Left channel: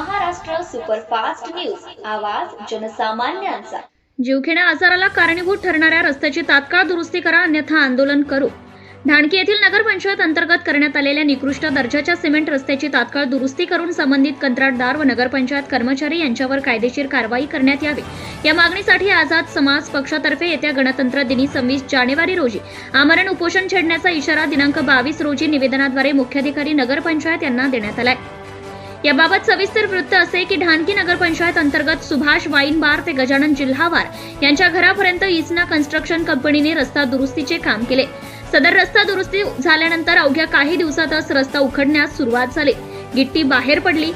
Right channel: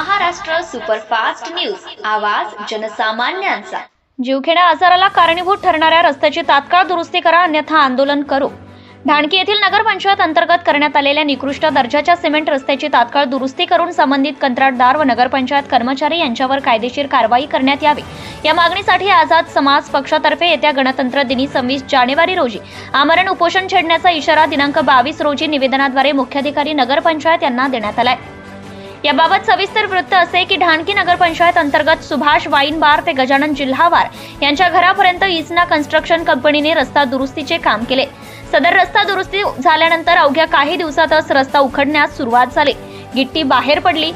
Superfast news. आवाज जनसामान्यांचा. जीवघेण्या आजाराला कारणीभूत ठरणाऱ्या रस्त्याची तात्काळ दुरुस्ती करा अन्यथा आंदोलन करू. ढाणकी येथील नगरपंचायत अंतर्गत करण्यात आलेल्या निकृष्ट दर्जाच्या सिमेंट रस्त्याची तात्काळ दुरुस्ती करून संबंधित कंत्राटदार व नगरपंचायत कर्मचारी यांच्यावर कायदेशीर कारवाई करण्यात यावी. या मागणीसाठी आझाद समाज पक्षातर्फे येत्या गणतंत्र दिनी सव्वीस जानेवारी रोजी आमरण उपोषण छेडण्याचा इशारा दिनांक बावीस रोजी निवेदनाद्वारे मुख्याधिकारी नगरपंचायत यांना देण्यात आलाय. याबाबत सविस्तर वृत्त असे की ढाणकी नगरपंचायत अंतर्गत सुभाष वाईन बार ते गजानन जिल्हावार यांच्या घरापर्यंत इसना कन्स्ट्रक्शन कंपनीने रस्ता दुरुस्तीचे काम केले. सदर रस्ता दुरुस्ती झाल्यानंतर अवघ्या काही दिवसातच रस्ता उखडण्यास सुरुवात झाली. गिट्टी बाहेर पडली.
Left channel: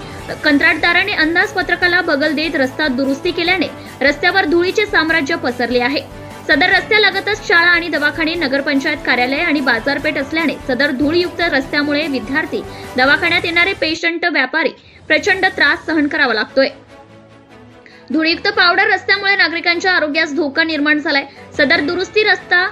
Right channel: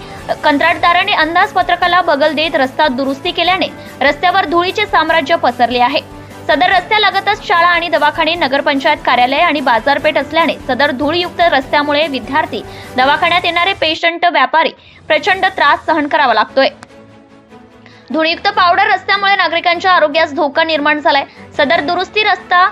कंत्राटदाराने अंदाजपत्रकाला बगल देत रस्ता दुरुस्ती केल्याने रस्त्यावर धुळीचे साम्राज्य पसरले आहे. सदर रस्त्यालगतच शाळा आणि दवाखाने नगरपंचायत कार्यालय आणि बाजारपेठ असल्याने सदर धूळयुक्त रस्त्यामुळे विद्यार्थी दवाखान्यात येणारे पेशंट व्यापारी प्रचंड त्रास सहन करावा लागतोय. धूळयुक्त पावडर रस्त्यामुळे नागरिकांच्या आरोग्यास धोका निर्माण झालाय. सदर दुरुस्ती रस्ता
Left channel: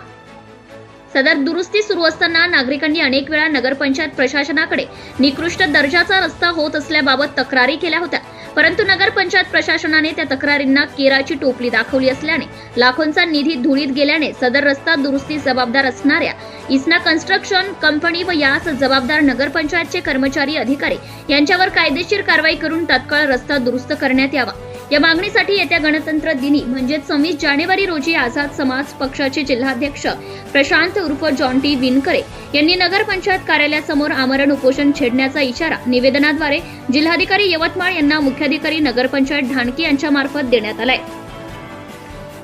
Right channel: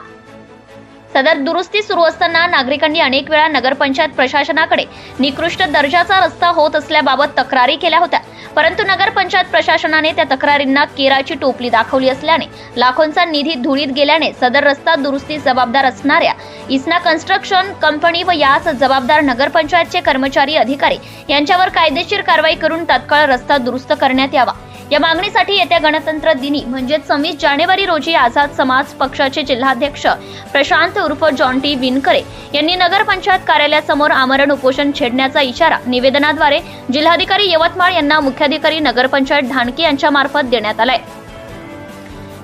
सदर दुरुस्ती सुरू असताना नागरिकांनी अनेक वेळा नगरपंचायत प्रशासनाकडे निकृष्ट दर्जाचा रस्ता होत असल्याबाबत तक्रारी केल्या होत्या. परंतु नगरपंचायत प्रशासनाने त्या तक्रारींना केराची टोपली दाखवली असल्याने लाखोंचा निधी धुळीत गेल्याने सदर रस्ता दुरुस्ती जबाबदार असणाऱ्या इस्ना कन्स्ट्रक्शन कंपनी व यास जबाबदार नगरपंचायतचे कर्मचारी अधिकारी यांच्यावर कायदेशीर कारवाई करून तात्काळ रस्ता दुरुस्त करण्यात यावा. या मागणीसाठी येत्या गणतंत्र दिनी म्हणजेच सव्वीस जानेवारी रोजी आझाद समाज पक्षाचे जिल्हाध्यक्ष प्रशांत उर्फ जॉन टी विनकरे यांनी नगरपंचायत कार्यालयासमोर आमरण उपोषण छेडण्याचा इशारा निवेदनाद्वारे जिल्हाधिकारी यवतमाळ यांना मुख्याधिकारी नगरपंचायत ढाणकी यांच्या मार्फत देण्यात आलाय.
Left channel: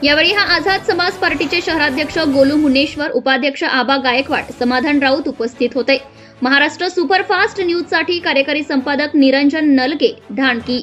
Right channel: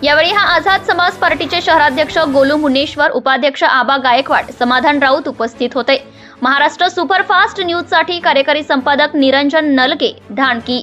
यावेळी हा आझाद समाज पार्टीचे शहराध्यक्ष गोलू मुनेश्वर उपाध्यक्ष आबा गायकवाड समाधान राऊत उपस्थित होते. महाराष्ट्र सुपरफास्ट न्यूजसाठी कार्यकारी संपादक निरंजन नलगे ढाणकी.